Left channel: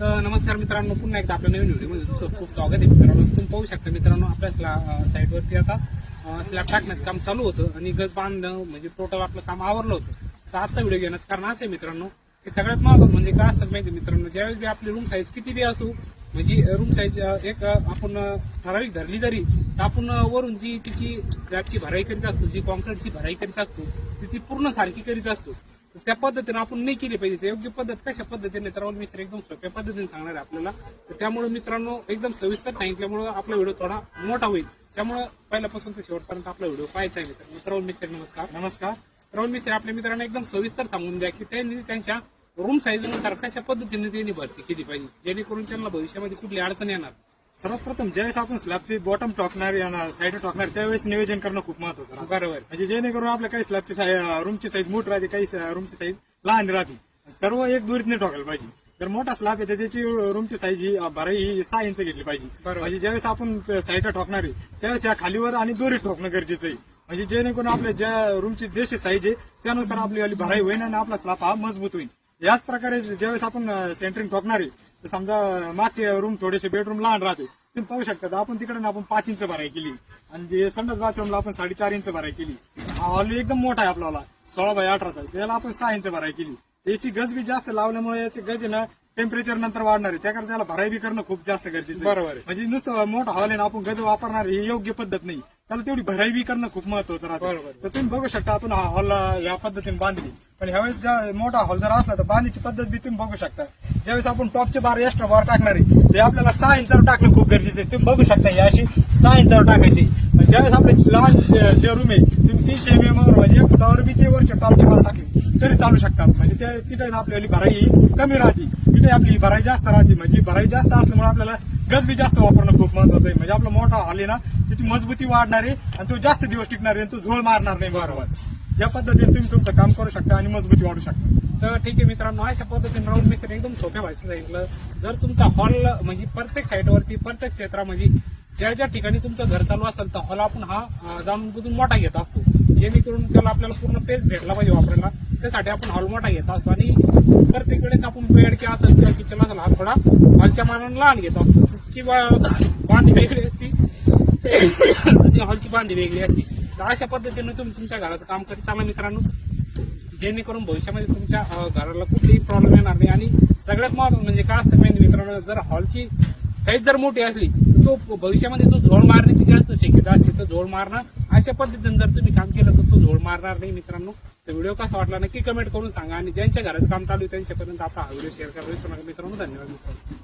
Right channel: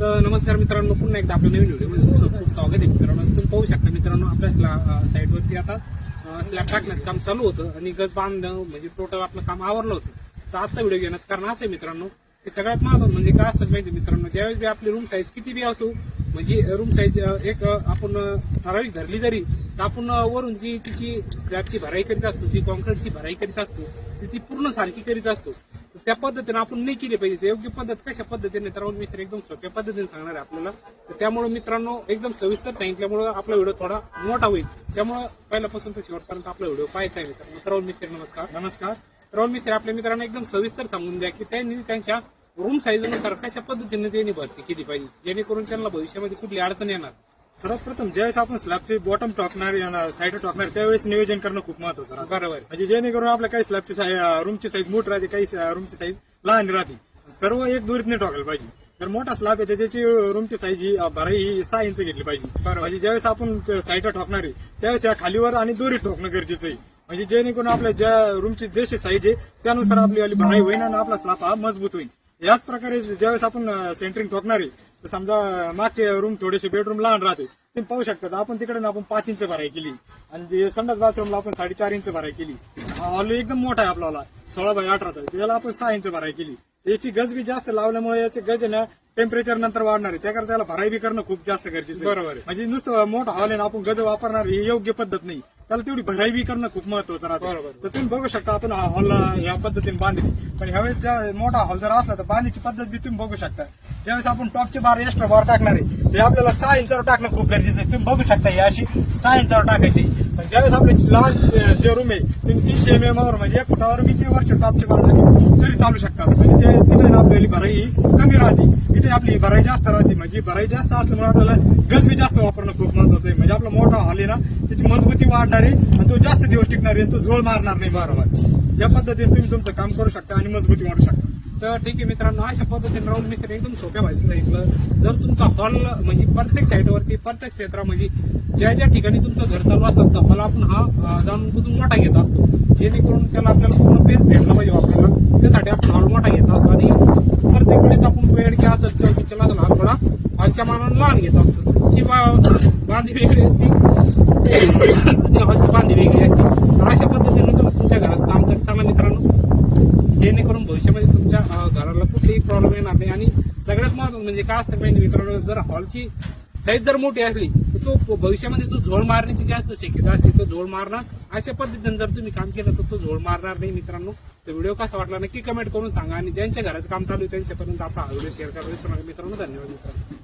तर नमस्कार मित्रांनो, पुन्हा एकदा आपल्या नवीन व्हिडिओमध्ये तुमचं खूप स्वागत आहे मित्रांनो. तुम्ही पाहू शकता मित्रांनो, आपल्या साईडवरती आता स्लॅब टाकण्याचं काम चालू होतं आणि गज बांधणं म्हणजे टोटल आपलं काम आवरलं होतं. तर आजचा व्हिडिओ घेण्याचं कारण असं आहे मित्रांनो, की सगळ्यात महत्त्वाचं म्हणजे काय असतं माहिती मित्रांनो, ज्यावेळेस बी आपली रूम साईज किती बी असू, म्हणजे रूम साईज एक आपण ठराविक धरली जरी, तर आपण वरून जी तिची स्लॅबची भराई करीत असतो, जी कॉन्क्रीटची भराई करीत असतो ती पूर्ण सारखी करीत असतो. तर त्या पद्धतीने आपण नाही केली पाहिजे. योग्य पद्धत कशा पद्धतीने तर मित्र एकदम सोप्या पद्धतीने सांगणार आहे आपल्याला. तर त्यामुळे मित्रांनो एकदम सविस्तर सांगितल्यामुळे आपला व्हिडिओ थोडा मोठा होईल. त्यामुळे पहिल्यापासून तर शेवटपर्यंत आपला व्हिडिओ पाहायचा आहे मित्रांनो. राहुल मिस्त्री नमस्कार. राहुल मिस्त्री आपल्या मित्रांनो एकदम सविस्तर सांगून द्या की त्यांनी त्यांच्या रूम साईजनुसार कशा पद्धतीने त्यांनी भरती केली पाहिजे, जेणेकरून त्यांना भविष्यामध्ये कुठली अडचण येणार. सर्वप्रथम ज्यावेळेस आपण स्लॅबची बॉटम टाकणार साईड टाकणार त्यावेळेस नियोजन करणं खूप महत्वाचं राहतं. बरोबर. म्हणजे जेणेकरून आपल्या काही स्लॅबची रूमची साईज मोठी राहते, काही रूमची साईज लहान राहते. सर्व एक दुरीतने टाकायला पाहिजे. जर मोठा स्लॅब आहे त्याची रूमची साईज ही भराई ही 6 इंच घेतली पाहिजे. म्हणजे ज्यावेळेस आपण साईड टाकणार आहे त्यावेळेस या खालीवर आणि दोरीत ठोकणं गरजेचं आहे. म्हणजे जेणेकरून आपल्या ज्या रूमची जशी साईज आहे त्यानुसार आपली भराई होईल आणि आपला स्लॅब हा मजबूत होईल. याच प्रकारे ज्यावेळेस आपण सेंटरिंग ठोकणार आहे तर समजा मागचे रूम थोडेसे बेडरूम लहान राहते, तुम्ही पाहू शकता आपण तिकडे आपण 5 इंच भराई केली आणि संडास बाथरूमला आपण 4.5 इंच भराई केली. हॉल एकदम मोठा आहे आपल्याला 16x18 त्याला आपण 6 इंच भराई केली. याची गज बी जास्त लावल्यामुळे याची गज ना टेम्परेचर नंतर वाढणार आहे, त्याकरता त्याला भराई बी करणं खूप जास्त गरजेचं आहे. बरोबर आहे. म्हणजे नुसतं मोठा हॉल आहे ना आपण गज वापरणार ही योग्य पद्धत नाही, त्याला तेवढी भराई बी करणं खूप महत्वाचं राहतं. तर तुम्ही बघू शकता आपण हॉल या पद्धतीने बांधली, पण ह्यावेळेस मोठा हॉल जर असला तर बांधण्याची पद्धत बी तुम्ही बघू शकता. ज्यावेळेस आपण टॉपचे बार एक्स्ट्रा बार टाकणार आहे ते आपल्याला 6 इंचावर टाकणं खूप गरजेचं आहे. तुम्ही बघू शकता ही अशी 6 इंचावर टाकायची. ज्यावेळेस आपले लहान जे रूम आहे तुम्ही 300 mm म्हणजे 1 फुटावर बी ते वरचे टॉपचे बार टाकले तरी चालू शकतात. म्हणजे तिथे आपल्याला भराई कमी राहते, तिथे आपली भराई जास्त राहते. म्हणजे भराई जास्त असल्यामुळे आपल्याला गज बी जास्त वापरणं खूप महत्वाचं आहे. म्हणजे आपला मोठा हॉल आहे ना त्याची मजबूती वाढणार आहे आणि तो जास्त दिवस टिकणार आहे, तो झोळ मारणार नाही. बरोबर. या पद्धतीने तुम्ही तुमचं काम करू शकता आणि मजबूती वाढू शकता. तर ठीक आहे मित्रांनो, अशा पद्धतीने राहून मी एकदम सोप्या भाषेत सांगितलं. जर तुमचा हॉल म्हणजे प्रत्येक साईडवरती प्रत्येक क्षेत्रामध्ये ज्या ज्या ठिकाणी तुमचं घर चालू असेल तर हॉल आपण हा जाणून बुजून मोठा घेत असतो, जेणेकरून त्याला आपल्याला पूर्ण पेस भेटला पाहिजे वापरायला. त्यासाठी आपण हॉल मोठा घेत असतो आणि प्रत्येक वेळेस आपण बेड किंवा असेल किंवा किचन असेल हा थोडा हॉलच्या मानाने लहान घेत असतो किंवा बांधी वेगळी असते हॉलची बांधी वेगळी असते. तर अशा पद्धतीने तुम्ही तुमच्या घरात काम करत चाला मित्रांनो, जेणेकरून भविष्यामध्ये तुमच्या घराला कुठलीही प्रॉब्लेम येणार नाही. आणि सगळ्यात महत्त्वाचं म्हणजे काय असतं माहिती मित्रांनो, जर हॉलची साईज जर मोठी असली तर तो भविष्यामध्ये जो झोळ मारण्याची जास्त शक्यता असते, तो झोळ मारणार. अशा पद्धतीने जर तुम्ही काम केलं तर तो झोळ मारणार नाही मित्रांनो. तर व्हिडिओ कसा वाटला नक्की कमेंट करून सांगा आणि ज्यांच्या घराचं काम चालू आहे त्यांच्यापर्यंत आपला हा व्हिडिओ शेअर करा मित्रांनो. धन्यवाद मित्रांनो.